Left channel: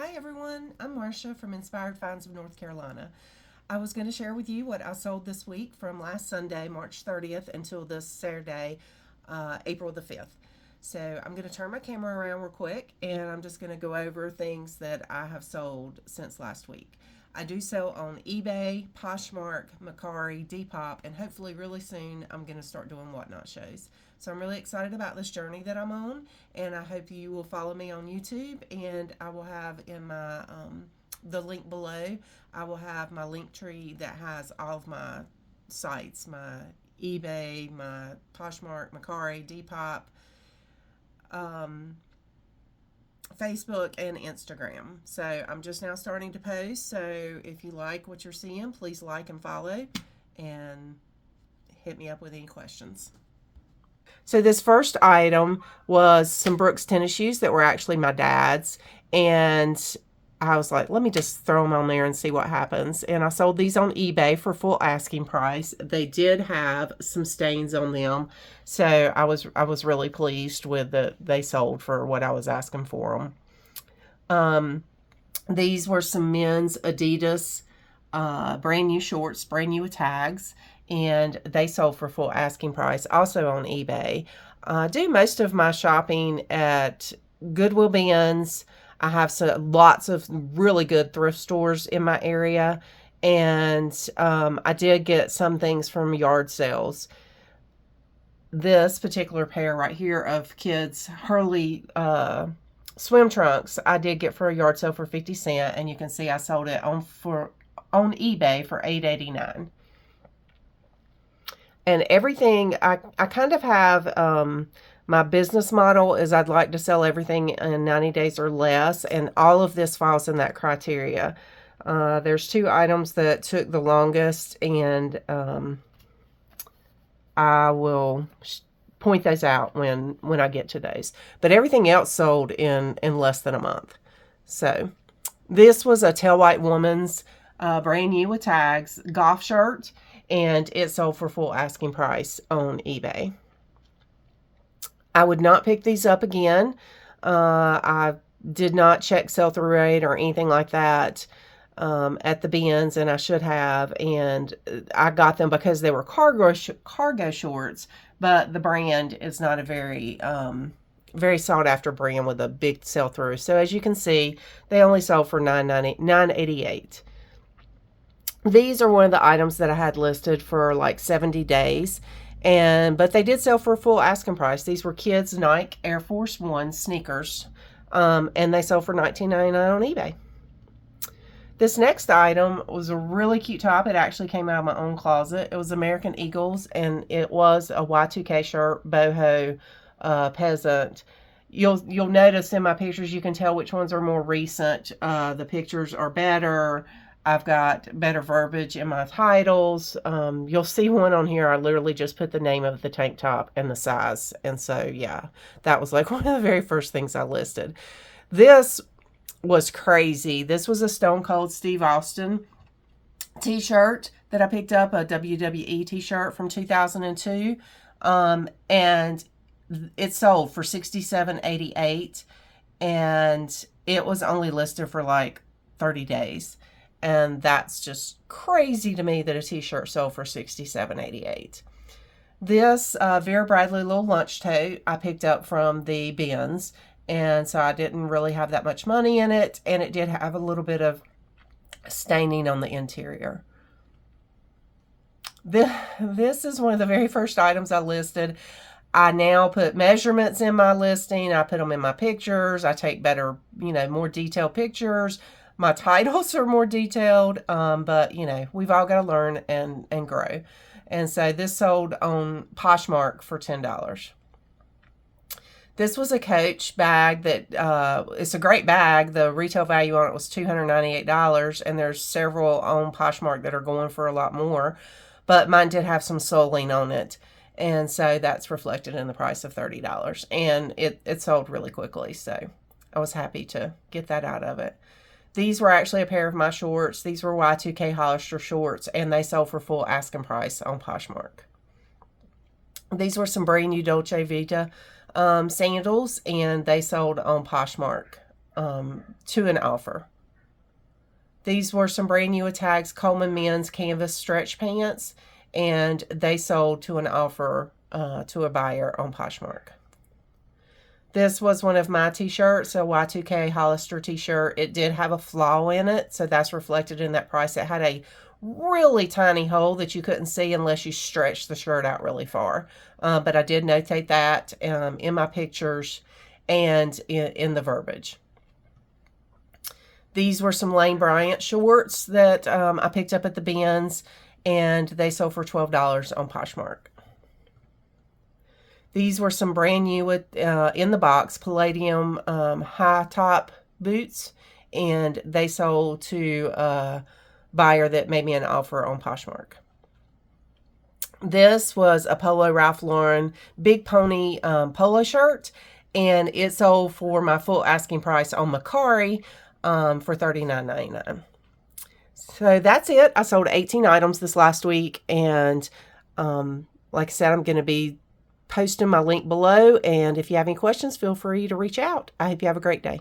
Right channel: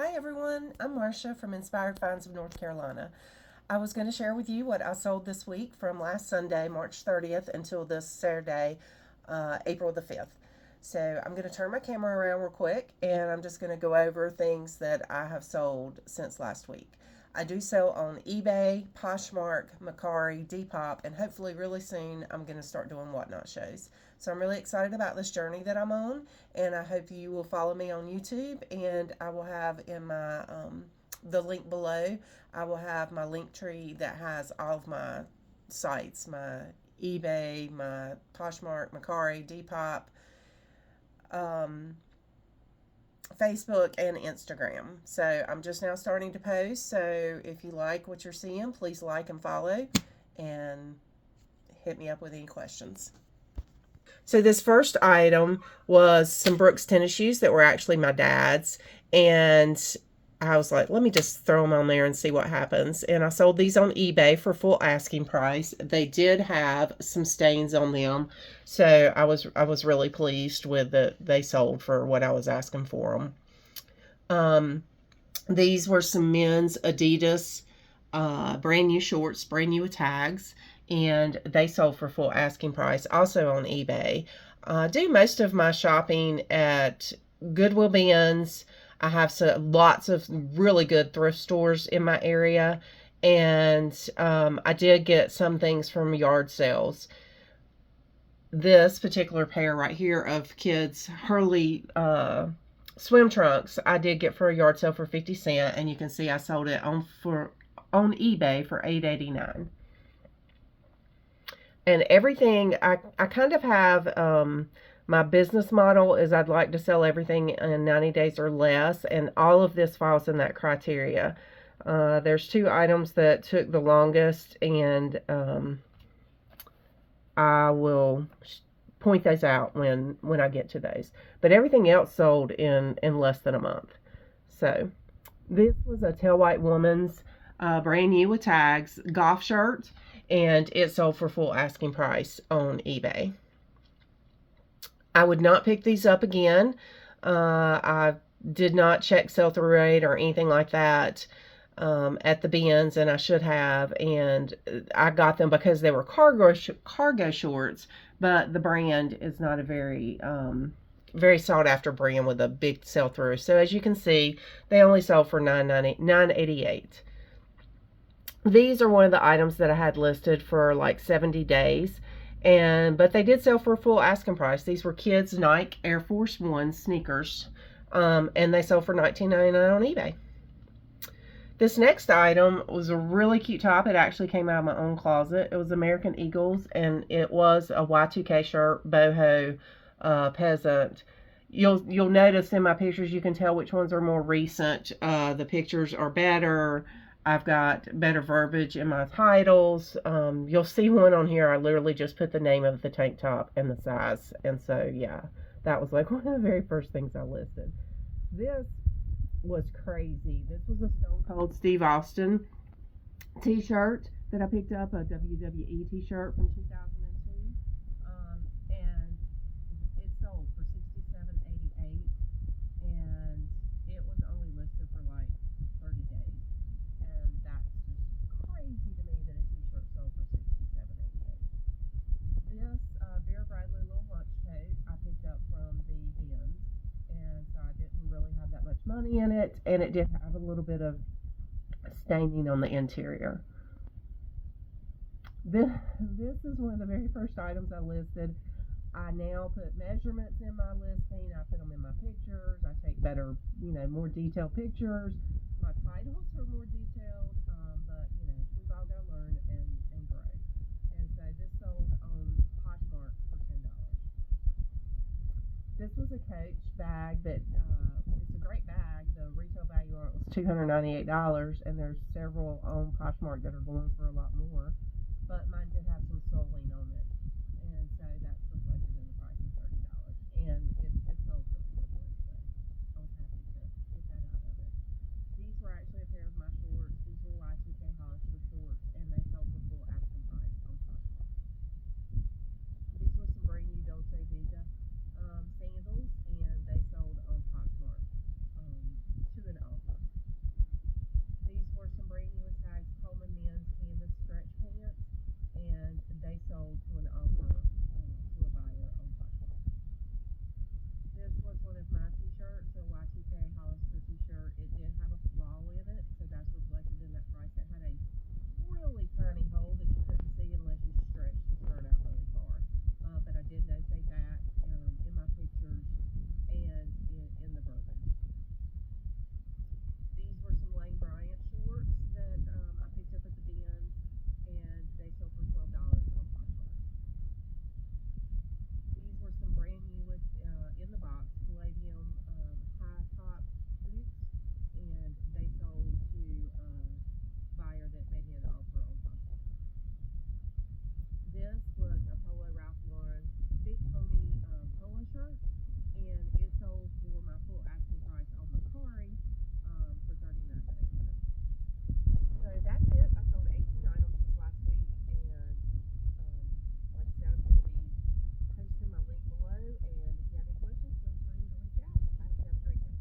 Hi everyone, I'm Marcia from Inspired Finds of North Carolina. I was going to share with you what I sold this week from last Sunday, March 30th, until this Saturday, April the 5th. So I'm going to turn my camera around real quick and I'm just going to go over things that I have sold since last week. I do sell on eBay, Poshmark, Mercari, Depop, and hopefully really soon I'm going to start doing whatnot shows. So I'm really excited about this journey that I'm on, and I hope you will follow me on YouTube. And I will have in my the link below. I will have my link tree that has all of my sites, my eBay, my Poshmark, Mercari, Depop, um, Facebook, and Instagram. So I'm just now starting to post. So if you like what you're seeing, please like and follow, and hit me up with any questions. So this first item was some Brooks tennis shoes that were actually my dad's, and I was like, let me just throw them on there and see what happens. And I sold these on eBay for full asking price. They did have some stains on them, so I was really pleased with that they sold for what I was asking for them. These were some men's Adidas brand new shorts, brand new with tags, and they sold for full asking price, also on eBay. I do most of my shopping at Goodwill bins. I have lots of really good thrift stores in my area, and I did get some things from yard sales. This particular pair right here of kids Hurley swim trunks I did get for a yard sale for 50 cents, and you can see I sold it on eBay for $8.89. And everything, I kind of have my business model is I'd like to sell everything in 90 days or less, and all of this falls in that criteria. There's two items that took the longest, and I will point those out when I get to those. But everything else sold in less than a month. So this was a Tell White Woman's brand new with tags golf shirt, and it sold for full asking price on eBay. I would not pick these up again. I did not check sell-through rate or anything like that at the bins, and I should have. And I got them because they were cargo shorts, but the brand is not a very sought after brand with a big sell-through. So as you can see, they only sold for $9.88. These are one of the items that I had listed for like 70 days. But they did sell for full asking price. These were kids Nike Air Force One sneakers. And they sold for $19.99 on eBay. This next item was a really cute top. It actually came out of my own closet. It was American Eagles, and it was a Y2K shirt, boho, peasant. You'll notice in my pictures, you can tell which ones are more recent. The pictures are better. I've got better verbiage in my titles. You'll see one on here. I literally just put the name of the tank top and the size. And so, yeah, that was like one of the very first things I listed. This was crazy. This was a Stone Cold Steve Austin t-shirt that I picked up, a WWE t-shirt from 2002. And it sold for $67.88, and it was only listed for like 30 days. And that's just crazy to me that a t-shirt sold for $67.88. This Vera Bradley little lunch tote I picked up from the bins, and so I didn't really have that much money in it, and it did have a little bit of staining on the interior. This is one of the very first items I listed. I now put measurements in my listing. I put them in my pictures. I take better, more detailed pictures. My titles are more detailed, but, we've all got to learn and grow. And so this sold on Poshmark for $10. This was a Coach bag that, it's a great bag. The retail value on it was $298, and there's several on Poshmark that are going for a lot more. But mine did have some soling on it, and so that's reflected in the price of $30. And it sold really quickly, so I was happy to get that out of it. These were actually a pair of my shorts. These were Y2K Hollister shorts, and they sold for full asking price on Poshmark. These were some brand new Dolce Vita sandals, and they sold on Poshmark to an offer. These were some brand new tags, Coleman men's canvas stretch pants, and they sold to an offer to a buyer on Poshmark. This was one of my t-shirts, a Y2K Hollister t-shirt. It did have a flaw in it, so that's reflected in that price. It had a really tiny hole that you couldn't see unless you stretched the shirt out really far. But I did notate that in my pictures and in the verbiage. These were some Lane Bryant shorts that I picked up at the bins, and they sold for $12 on Poshmark. These were some brand new in the box Palladium high top boots, and they sold to a buyer that made me an offer on Poshmark. This was a Polo Ralph Lauren Big Pony polo shirt, and it sold for my full asking price on Mercari for $39.99. So that's it. I sold 18 items this last week, and like I said, I'm going to be posting my link below, and if you have any questions, feel free to reach out. I hope you have a great day.